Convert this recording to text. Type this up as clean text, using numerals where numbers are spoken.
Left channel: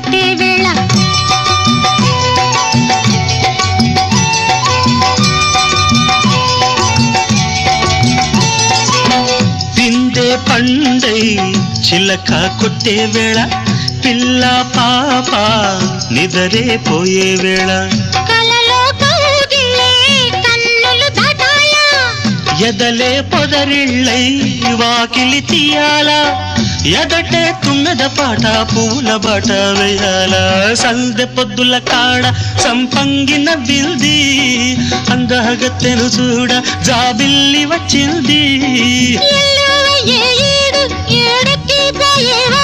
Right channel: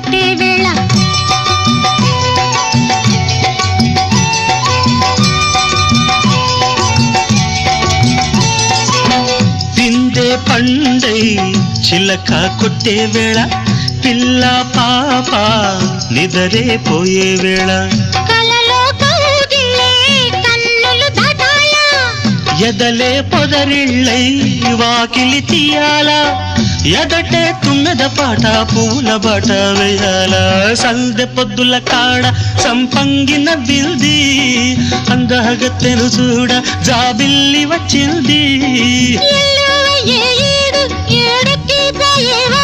కట్టే వేళ పిండే పండై చిలక కొట్టే వేళ పిల్ల పాప నిదరే పోయే వేళ కలలో కౌగిలే కన్నులు దాటాలా ఎదలే పొదరిళ్ళై వాకిలి తీయాలా ఎదటే తుమ్మెద పాట పూల బాట వేయాల సందె పొద్దుల కాడ సంపంగిన బిల్ది అందగత్తెను చూడ జాబిల్లి వచ్చింది ఏడు ఏడుకి పోయేవా